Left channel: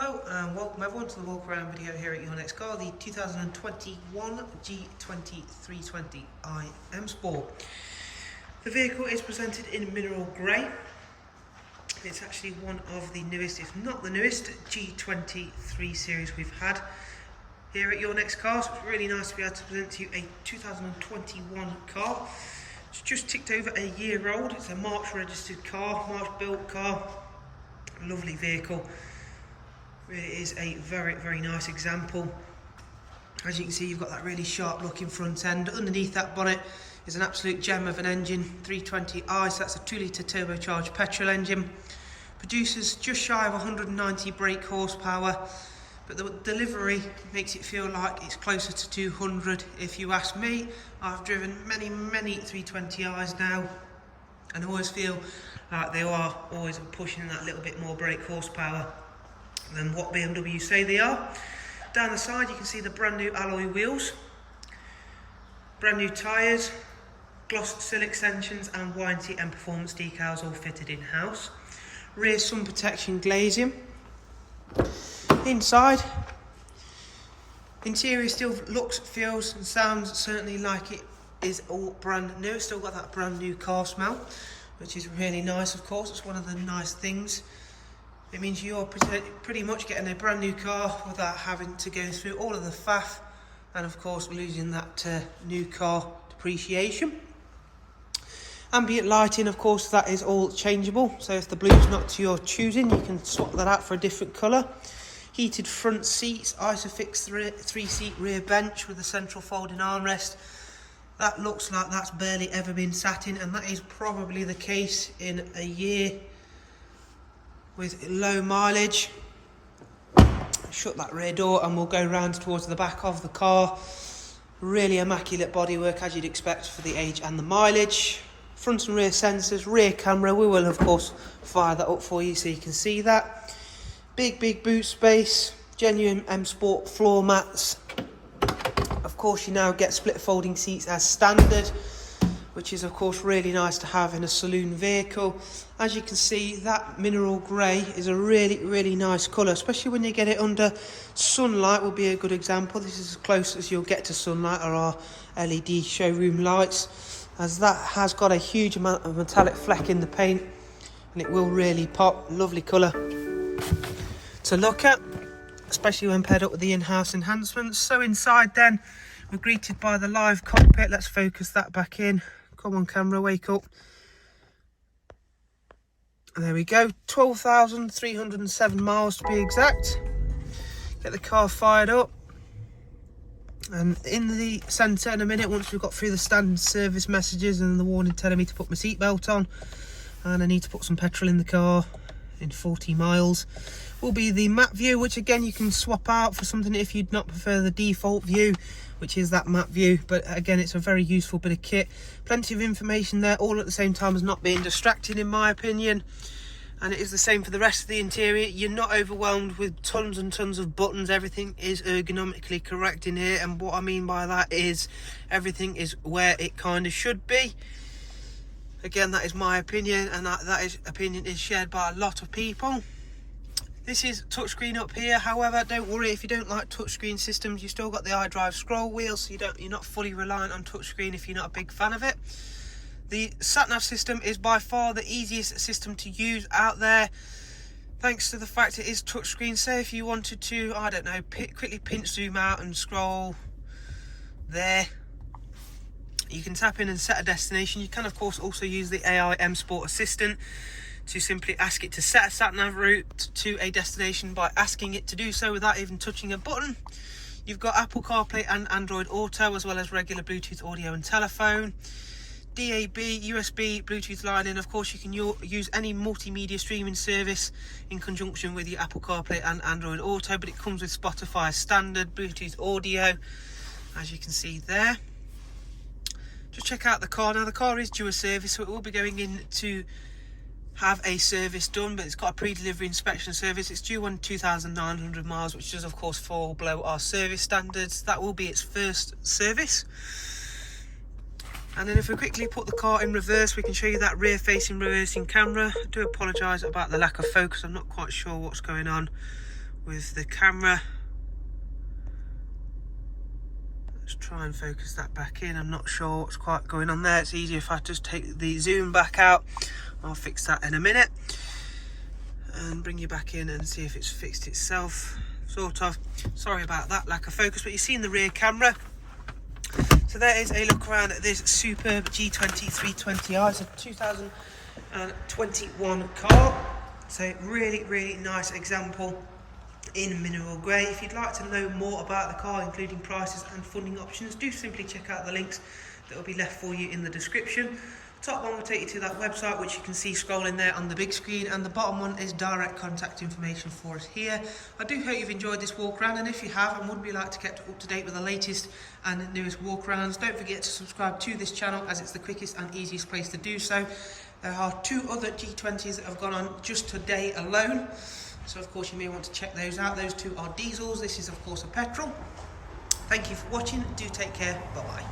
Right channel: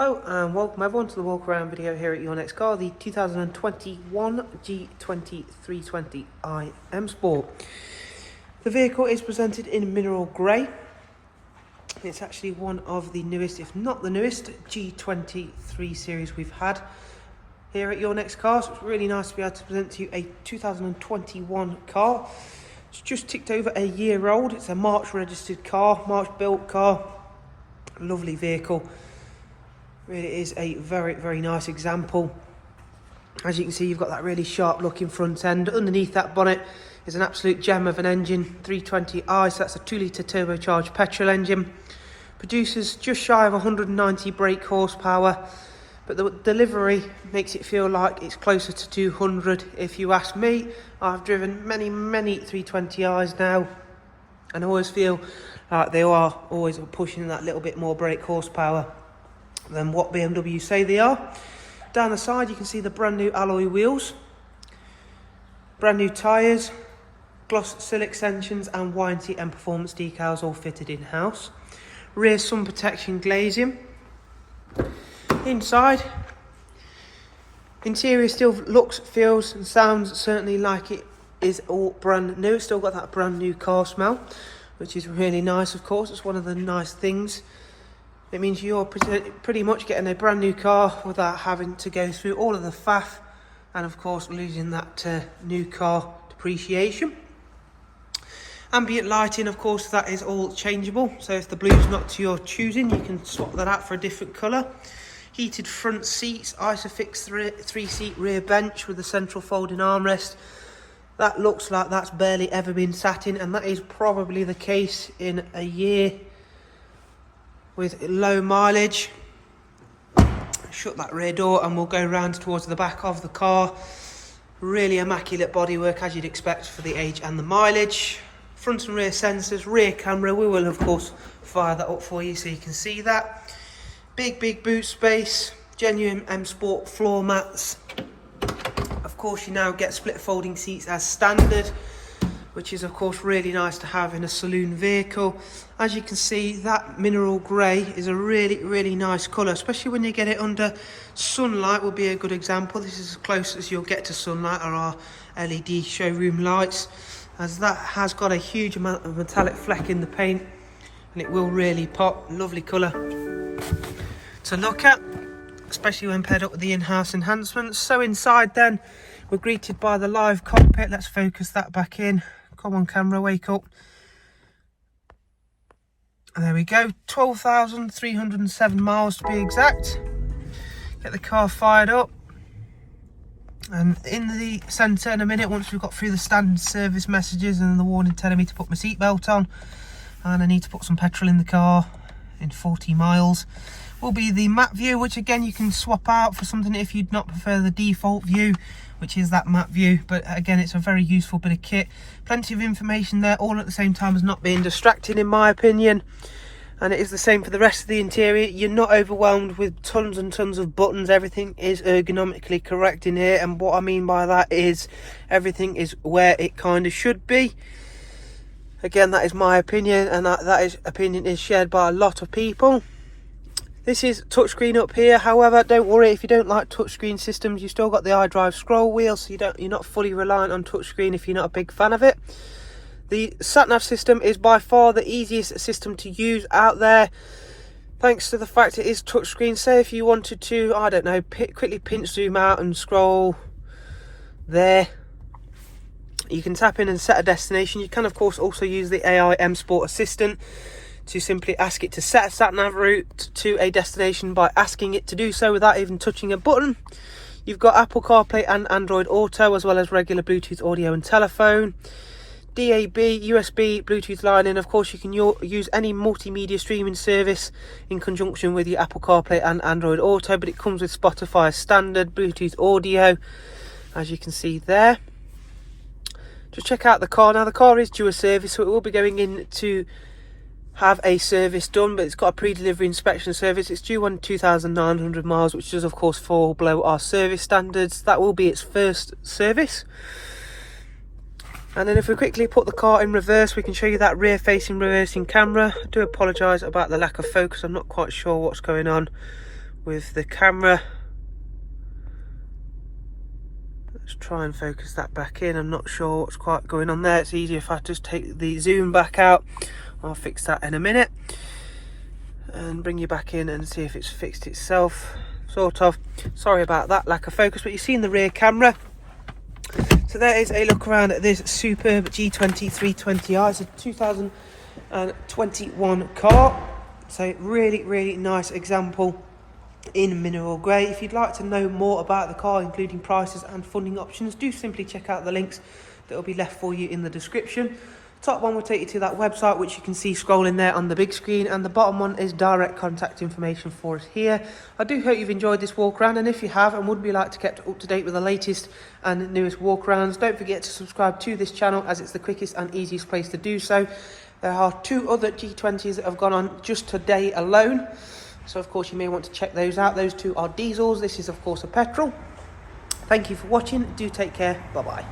Hello and welcome everyone to the walk around video here at your next car, the 2021 G20 320i M Sport. The vehicle is presented in mineral grey. It's actually one of the newest, if not the newest, G20 3 Series we've had here at your next car. So it's really nice to be able to present to you a 2021 car. It's just ticked over a year old. It's a March registered car, March built car. Lovely vehicle. Really is a very nice example. As you can see, you've got that really sharp looking front end. Underneath that bonnet is an absolute gem of an engine, 320i, so that's a 2-litre turbocharged petrol engine. Produces just shy of 190 brake horsepower, but the delivery makes it feel like it's closer to 200 if you ask me. I've driven many 320i's now, and I always feel like they are always pushing that little bit more brake horsepower than what BMW say they are. Down the side you can see the brand new alloy wheels, brand new tyres, gloss sill extensions and warranty and performance decals all fitted in-house. Rear sun protection glazing. Inside, interior still looks, feels and sounds certainly like it is all brand new. It's still got that brand new car smell, which is really nice. Of course, it's one of the nice things. It means you're pretty much getting a brand new car without having to go through all of the faff and of course losing that new car depreciation. Ambient lighting, of course, that is all changeable, so if the blue's not to your choosing you can swap that out for a different colour. Heated front seats, Isofix 3-seat rear bench with a central folding armrest. That looks like that's barely ever been sat in, and that is probably the case in a year with low mileage. Shut that rear door and we'll go round towards the back of the car. Really immaculate bodywork as you'd expect for the age and the mileage. Front and rear sensors, rear camera. We will of course fire that up for you so you can see that. Big boot space, genuine M Sport floor mats. Of course you now get split folding seats as standard, which is of course really nice to have in a saloon vehicle. As you can see, that mineral grey is a really nice colour, especially when you get it under sunlight. Will be a good example. This is as close as you'll get to sunlight on our LED showroom lights, as that has got a huge amount of metallic fleck in the paint and it will really pop. Lovely colour to look at, especially when paired up with the in-house enhancements. So inside then, we're greeted by the live cockpit. Let's focus that back in. Come on camera, wake up. And there we go, 12,307 miles to be exact. Get the car fired up. And in the centre in a minute, once we've got through the standard service messages and the warning telling me to put my seatbelt on, and I need to put some petrol in the car in 40 miles, will be the map view, which again you can swap out for something if you'd not prefer the default view, which is that map view. But again, it's a very useful bit of kit. Plenty of information there, all at the same time as not being distracting in my opinion. And it is the same for the rest of the interior. You're not overwhelmed with tons and tons of buttons. Everything is ergonomically correct in here, and what I mean by that is everything is where it kind of should be. Again, that is my opinion, and that opinion is shared by a lot of people. This is touchscreen up here. However, don't worry if you don't like touchscreen systems. You've still got the iDrive scroll wheel, so you're not fully reliant on touchscreen if you're not a big fan of it. The sat-nav system is by far the easiest system to use out there, thanks to the fact it is touchscreen. Say if you wanted to, I don't know, quickly pinch zoom out and scroll there, you can tap in and set a destination. You can of course also use the AI M Sport Assistant to simply ask it to set a sat-nav route to a destination by asking it to do so without even touching a button. You've got Apple CarPlay and Android Auto, as well as regular Bluetooth audio and telephone. DAB, USB, Bluetooth line, and of course you can use any multimedia streaming service in conjunction with your Apple CarPlay and Android Auto, but it comes with Spotify as standard, Bluetooth audio, as you can see there. Just check out the car. Now the car is due a service, so it will be going in to have a service done, but it's got a pre-delivery inspection service. It's due on 2,900 miles, which does of course fall below our service standards. That will be its first service. And then if we quickly put the car in reverse, we can show you that rear facing reversing camera. I do apologise about the lack of focus, I'm not quite sure what's going on with the camera. Let's try and focus that back in. I'm not sure what's quite going on there. It's easier if I just take the zoom back out. I'll fix that in a minute. And bring you back in and see if it's fixed itself. Sort of. Sorry about that lack of focus, but you've seen the rear camera. So there is a look around at this superb G20 320i. It's a 2021 car. So really nice example in mineral grey. If you'd like to know more about the car, including prices and funding options, do simply check out the links that will be left for you in the description. Top one will take you to that website, which you can see scrolling there on the big screen, and the bottom one is direct contact information for us here. I do hope you've enjoyed this walk around, and if you have and would be like to get up to date with the latest and newest walk arounds, don't forget to subscribe to this channel, as it's the quickest and easiest place to do so. There are 2 other G20s that have gone on just today alone, so of course you may want to check those out. Those 2 are diesels. This is of course a petrol. Thank you for watching. Do take care. Bye bye.